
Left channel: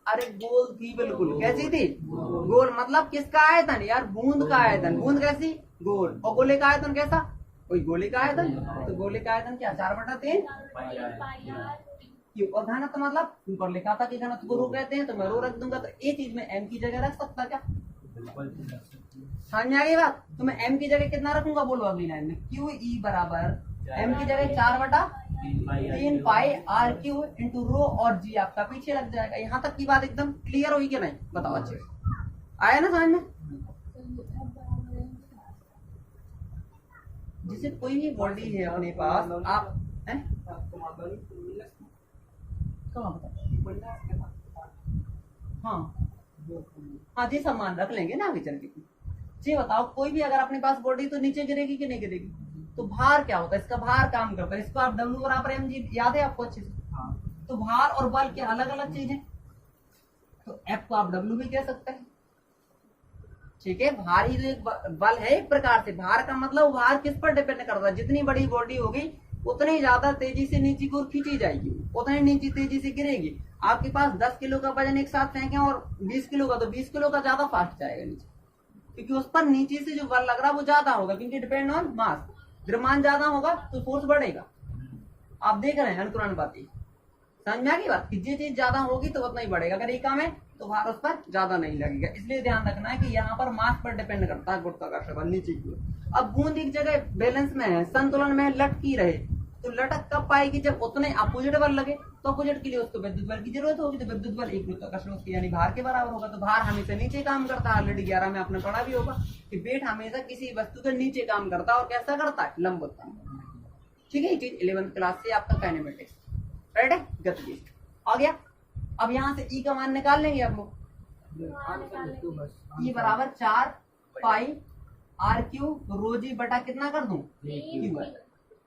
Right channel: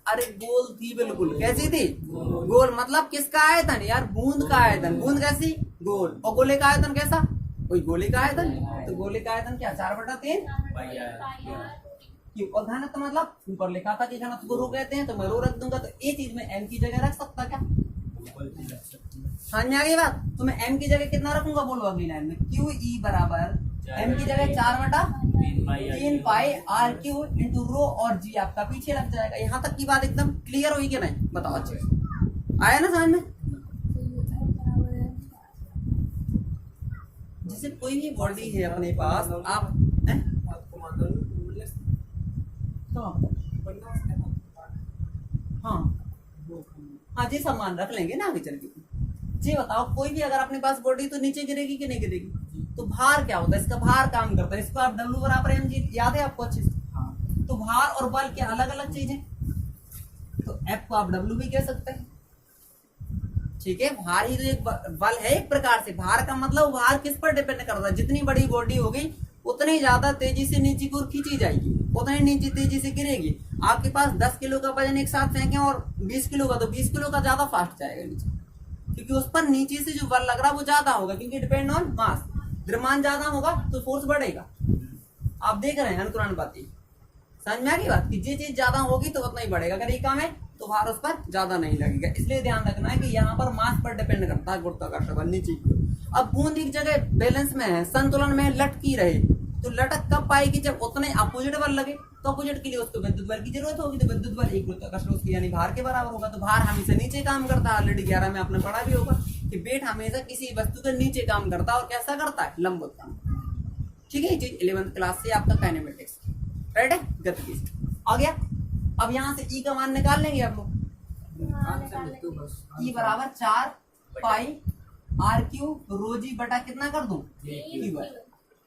अरे गोल थी, बिल्कुल कैसी थी? गोल। मतलब किसका आयतन यार? बूंद का आयतन। बूंद कैसी? गोल। और गोले का आयतन कैसा? कोई गोले का आयतन। तो गोले का आयतन क्या? 4/3 क्यों? और घनत्व मतलब ऊपर लिखा था कि घनत्व को रो कहते हैं, तो मैं रो रख दूंगा। तो ये चीज में एम की जगह रख सकता क्या? समझ में आ गई बात? तो मैं एम की जगह कितना रखूंगा बोलो अगली लाइन में? क्यू ई बराबर एम की जगह 4/3 पाई आर क्यू इंटू रो, और जी आपका पीछे लग जाएगा। यहाँ तक की बात एकदम क्लियर हुई कि नहीं? बताओ अच्छे से आया ना समझ में? जैसे कोई भी बॉडी है अपने पास, आप हाँ जी सामान रख लेंगे ना आगे चल के। जी बताओ, कोई भी अगर अपने पास बॉडी तो नीचे गिरेगी कि नहीं गिरेगी? तो भार क्या होता है? इसका भार काम करता है। इसको आप W बराबर mg याद है आपको अच्छे से? तो भार और बल क्या अलग अलग चीज है, तो F को आप W भी कह सकते हैं। ठीक है, भार ही तो एक बल है एक प्रकार से। भार का मतलब भार किस पर डिपेंड करता है, जितनी बड़ी बॉडी होगी उतनी ज्यादा तेजी से नीचे की ओर खींची जाएगी, उतनी नीचे तेजी से गिरेगी। आपके पास 10 किलो का वजन एक साथ फेंके और 20 किलो का, तो 20 किलो का ज्यादा फास्ट जाएगा नीचे, क्योंकि उस पर नीचे से जो बल लग रहा है वो ज्यादा होगा, क्योंकि डिपेंड ऑन मास। द्रव्यमान ज्यादा होगा तो फोर्स बढ़ेगा। आप देख रहे हैं अनुकरण बातें, समझ में आ गई बात, कि ये चीज ज्यादा होगी तो उतना ही बढ़ेगा, अगर ये कम है तो भार उस पर ज्यादा नहीं लगेगा। इसलिए ध्यान रखना है कि यहाँ पर मास पर डिपेंड करता है गुरुत्वाकर्षण बल नीचे की ओर। अब बूंद एक जगह बैलेंस में है, संतुलन में लटकी रहे, तो लटक कब पाएगी, जब उतने अपोजिट बल लगे। तो अपोजिट के लिए उसको विद्युत बल की जरूरत होगी, तो विद्युत बल एक गुरुत्वाकर्षण उसकी यानी भार के बराबर होगा। तो भार हमेशा नीचे काम करता है, ऑलरेडी 11 में आपने पढ़ा भी होगा कि वेट हमेशा किसी वस्तु के नीचे काम करता है, और कैसा करता है, लंबवत काम। ठीक है, ये चीज 11th क्लास से आपका काइनेमेटिक्स, राइट है, गतिज आ गया। अब यहाँ से ई का मान निकाल लेंगे आप लोग। ई बराबर 4 पाई आर क्यू रो जी बटा कितना कर दूं, क्यू है,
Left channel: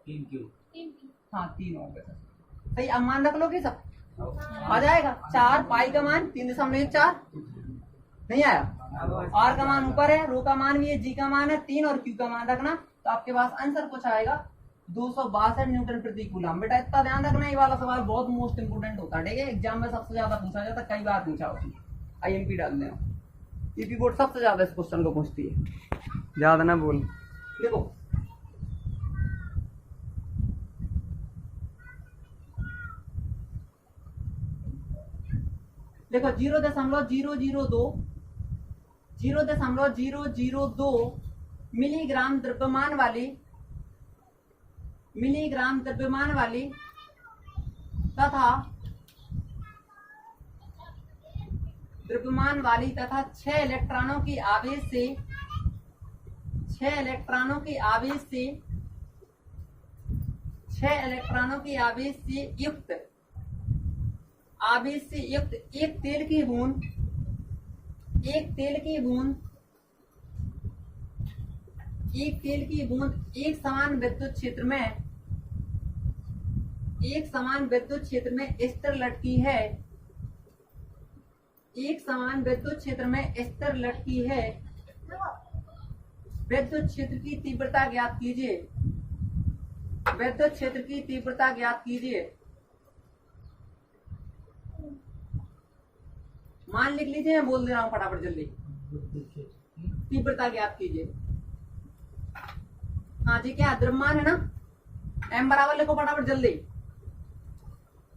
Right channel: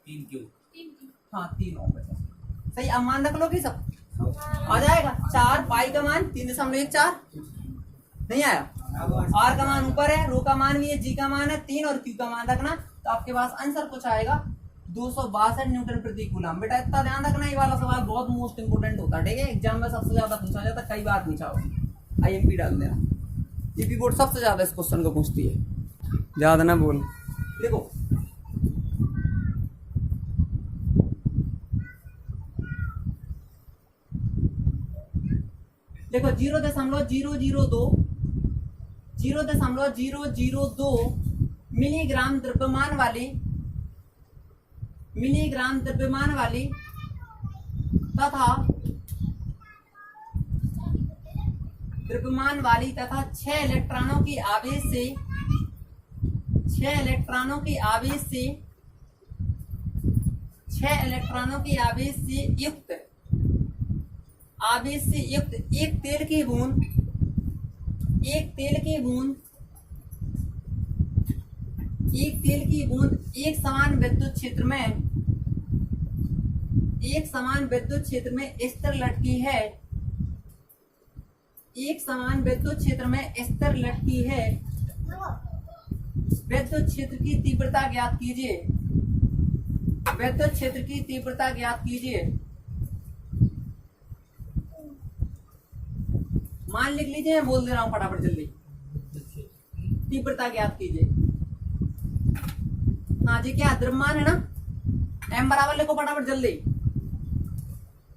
3 क्यू, हाँ 3 हो गया सही। अब मान रख लो कि सब आ जाएगा। 4 पाई का मान 3.14 नहीं आया, आर का मान ऊपर है, रो का मान भी है, जी का मान है 3 और क्यू का मान रखना, तो आपके पास आंसर कुछ आएगा 262 न्यूटन प्रति कूलम। बेटा इतना ध्यान रखना, ये वाला सवाल बहुत मोस्ट इंपोर्टेंट होता है। ठीक है, एग्जाम में सबसे ज्यादा पूछा जाता है, कई बार पूछा होगा, IMP डाल देना। यूपी बोर्ड सबसे ज्यादा इस क्वेश्चन को पूछती है, ज्यादा ना बोल। देखो देखो 0.002 मिलीग्राम द्रव्यमान वाली तथा 6 इलेक्ट्रॉनों की आवेश से युक्त एक तेल की बूंद एक समान विद्युत क्षेत्र में स्थिर लटकी है। विद्युत क्षेत्र की तीव्रता ज्ञात कीजिए। मान लिख लीजिए, मैं बोल दे रहा हूं फटाफट जल्दी। तीव्रता ज्ञात कीजिए। हाँ जी, क्या द्रव्यमान है ना, m बराबर लिखो फटाफट जल्दी।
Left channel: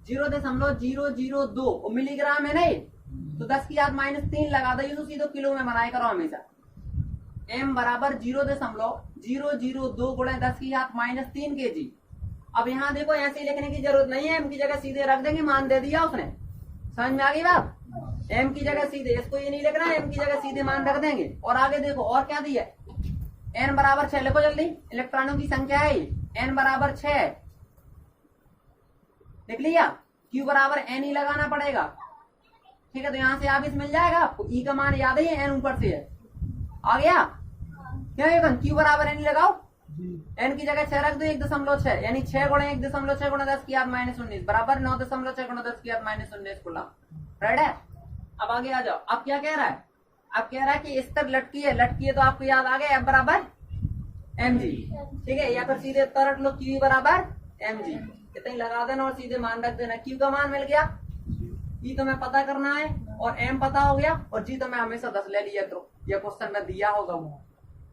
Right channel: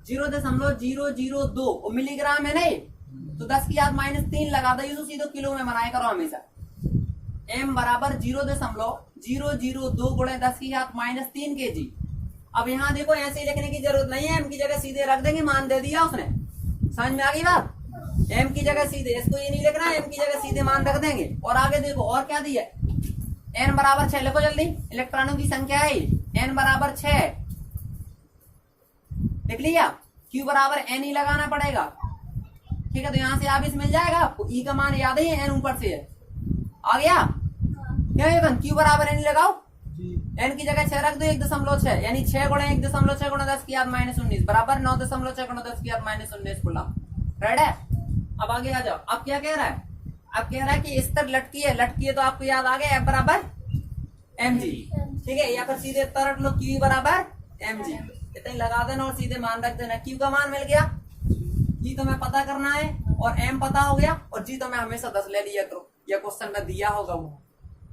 0.002 मिलीग्राम है ना ये, तो 10⁻³ लगा दो, तो सीधे किलो में बनाया करो हमेशा। m बराबर 0.002 गुणे 10⁻³ kg। अब यहाँ देखो ऐसे ही लिखने की जरूरत नहीं है, m की जगह सीधे रख देंगे, मान दे दिया उसने। समझ में आ गई बात, m की जगह सीधे, इसको ये नहीं लिखना, m की जगह सीधे मान रख देंगे। और आगे देखो और क्या दिया, n बराबर 6 लिखो जल्दी, इलेक्ट्रॉनों की संख्या है n बराबर 6, लिख लिया। q बराबर n ही लगाना पड़ेगा। ठीक है, तो यहाँ से आवेश मिल जाएगा आपको। e का मान याद है, n ऊपर से है, आ गया क्या है, q बराबर n लगाओ, n की जगह 6 रख दो, 1.6 यानी 6 गुणे 1.6 गुणे 10⁻19 बराबर 9.6 गुणे 10⁻19 कूलम, राइट है। अब आगे आ जाओ। अब क्या कह रहा है, अब कह रहा है कि स्तर लटकी है, तो आपको याद आ गया F बराबर mg। ठीक है, या फिर सीधे तरट लो, Q बराबर mg, इतना लगा देना और सीधे मान रख देना। Q का मान मिल गया, E तुम्हें पता करना है, और M पता हो गया, और G तो मैं हमेशा 10 ले लिया करो, या क्वेश्चन में दिया होगा वो।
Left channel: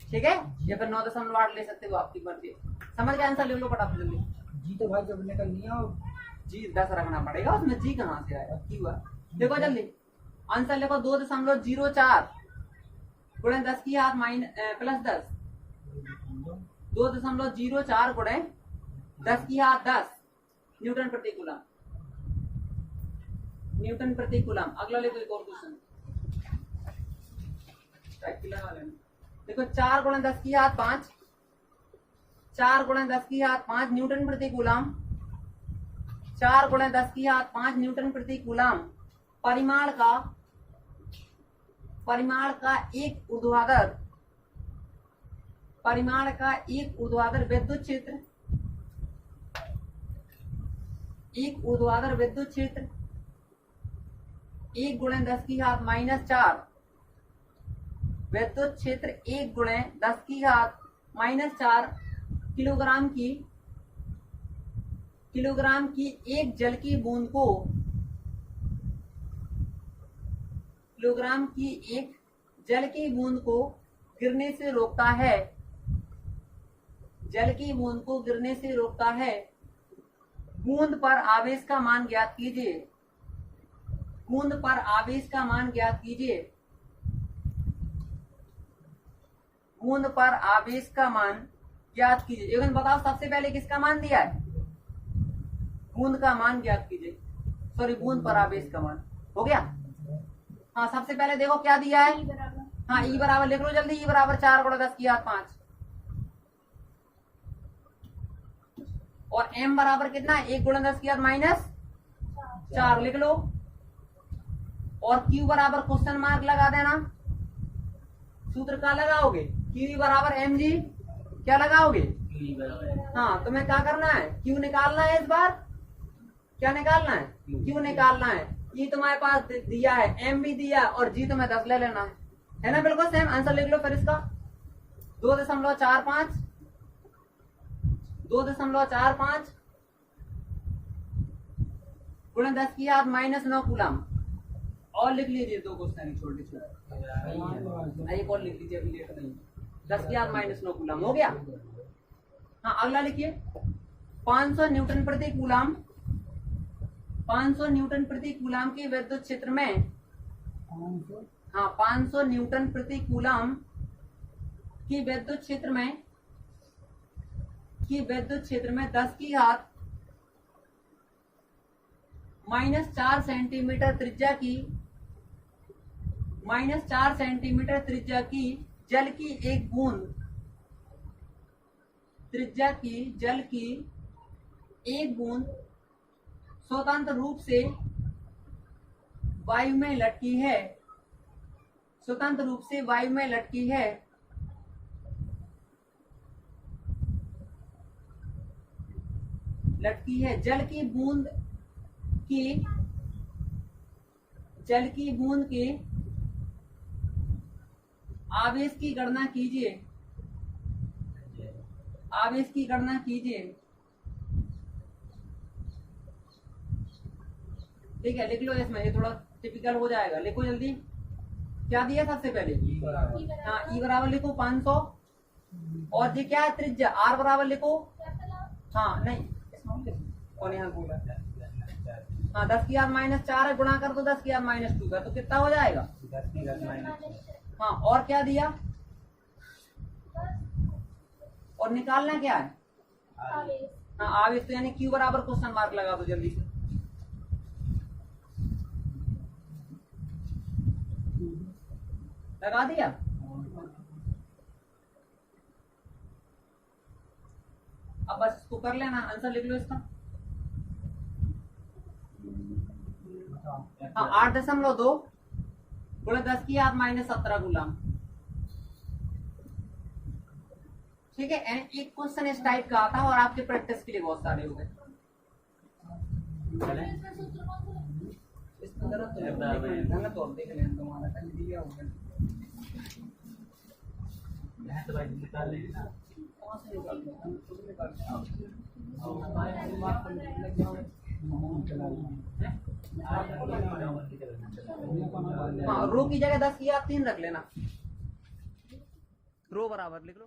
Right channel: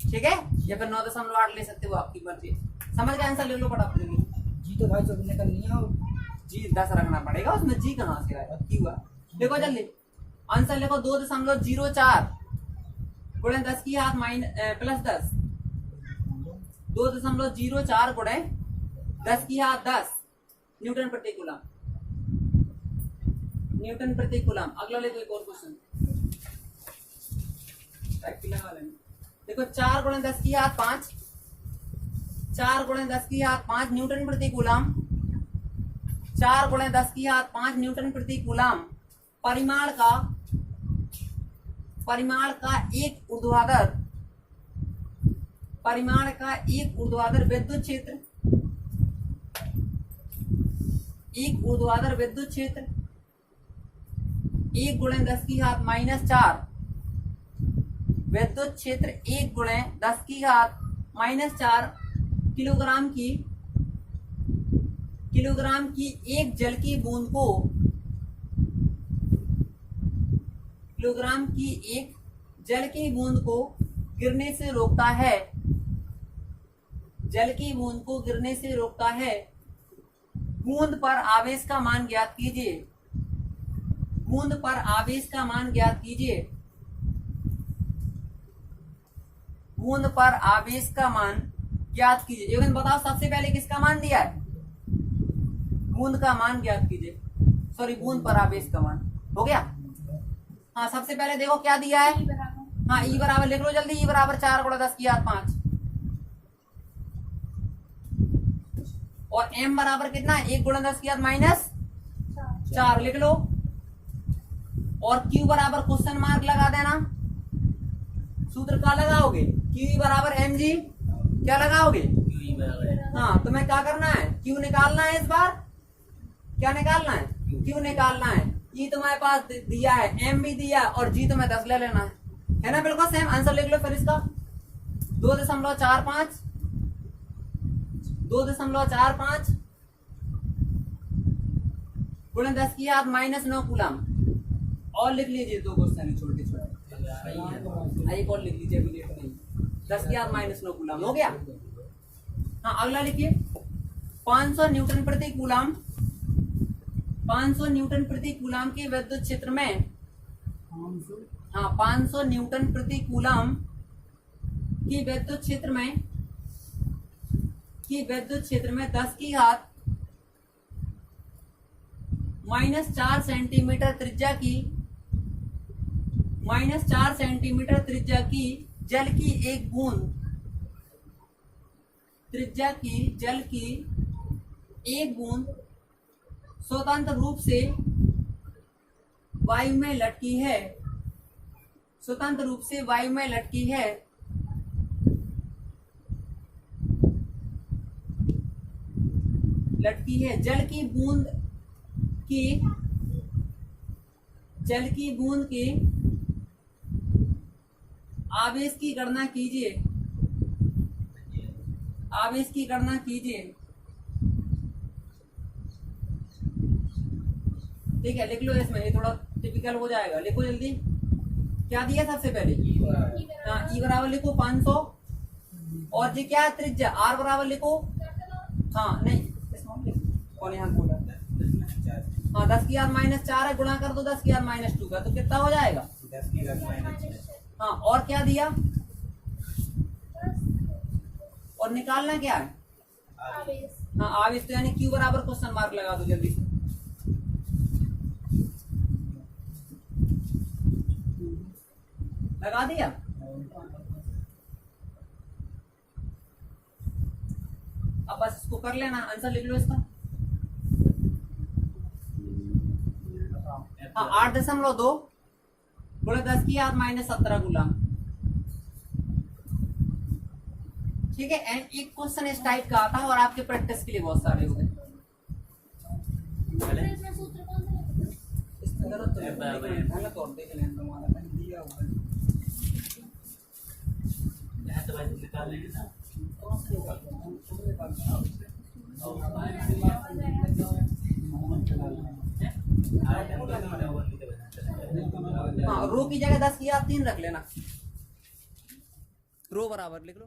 ठीक है, या फिर 9.8 ले सकते हो, आपकी मर्जी। समझ गए, आंसर ले लो फटाफट जल्दी। जी तो भाई सब निकल नहीं है, जी 10 रखना पड़ेगा, उसमें G कहाँ से आएगा, Q है। देखो जल्दी आंसर लिखो, 2.04 गुणे 10⁻+10, 2.04 गुणे 10⁻10 न्यूटन प्रति कूलम। अगला ले, तो एक और क्वेश्चन लगा लेना। देखो 4 गुणे 10⁻5, 4 गुणे 10⁻5 न्यूटन प्रति कूलम, 4 गुणे 10⁻5 न्यूटन प्रति कूलम। परिमाण का एक ऊर्ध्वाधर विद्युत क्षेत्र एक ऊर्ध्वाधर विद्युत क्षेत्र 1 गुणे 10 की घात -4 विद्युत क्षेत्र 1 गुणे 10 की घात -4 किलोग्राम की एक जल की बूंद को गिरने से रोकता है। जल की बूंद को गिरने से रोकता है। बूंद पर आवेश का मान ज्ञात कीजिए। बूंद पर आवेश का मान ज्ञात कीजिए। बूंद पर आवेश का मान ज्ञात कीजिए। एक बताओ, सबसे पहले किसका मान दिया है? बूंद का मान ज्ञात कीजिए। सॉरी, बूंद पर आवेश का मान हो गया। हाँ, सबसे पहले देखो क्या दिया है। E बराबर हाँ, ई बराबर लिख लो जल्दी। ई बराबर 4 गुणा 10 की घात 5 और m बराबर कितना है? 1 गुणा 10 की घात -4 लिख लो। और q बराबर क्वेश्चन मार्क लगा देना। सूत्र क्या लगाओगे? q बराबर mg क्या लगाओगे? क्यू बराबर हाँ, तुम्हें क्या करना है? q निकालना है। इस बार क्या निकालना है? q निकालना है। e तुम्हारे पास दिया है, m भी दिया और g तुम्हें 10 ले लेना है ना? बिल्कुल सेम आंसर लिख लो फिर इसका। 2.45 गुणे 10 की घात -9 कूलम। और लिख लीजिए 2 क्वेश्चन छोटे छोटे। एक और लिख लीजिए, अभी लेट नहीं। 10 की घात -9 कूलम हो गया। हाँ, अगला लिखिए 500 न्यूटन प्रति कूलम। 500 न्यूटन प्रति कूलम के विद्युत क्षेत्र में 500 न्यूटन प्रति कूलम की विद्युत क्षेत्र में 10 की घात -4 सेंटीमीटर त्रिज्या की जल की एक बूंद स्वतंत्र रूप से वायु में लटकी है। जल की बूंद के आवेश की गणना कीजिए। ठीक है, लिख लो इसमें, ये थोड़ा टिपिकल हो जाएगा। लिखो जल्दी, क्या दिया सबसे पहले? हाँ, ई बराबर लिखो 500 और जी क्या है? त्रिज्या। आर बराबर लिखो। हाँ, नहीं और यहाँ बोला। हाँ, 10 की घात -4 है, गुणा कर दो 10 की घात -2 का, तो कितना हो जाएगा? 10 की घात -6। हाँ, और क्या दिया? और निकालना क्या है? आवेश। हाँ, आवेश। तो यानी क्यू बराबर क्वेश्चन मार्क लगा दो जल्दी से। लगा दिया? अब बस इसको कर लेना, आंसर लिख लो इसका। हाँ, 8.2 गुणे 10 की घात -17 कूलम। ठीक है, एक क्वेश्चन इस टाइप का आता है और आपके प्रैक्टिस के लिए बहुत सारे हो गए। इसमें सूत्र कौन सा लगता है? इसमें जरूरत तो नहीं, गलत और देख लें तुम्हारा कहीं दिया होगा। निकाल लेंगे ना। कौन से निकालते हैं? तुम निकालते हो। हाँ, रो की जगह 10 की घात 3 रख लेना। रो बराबर लिख लो।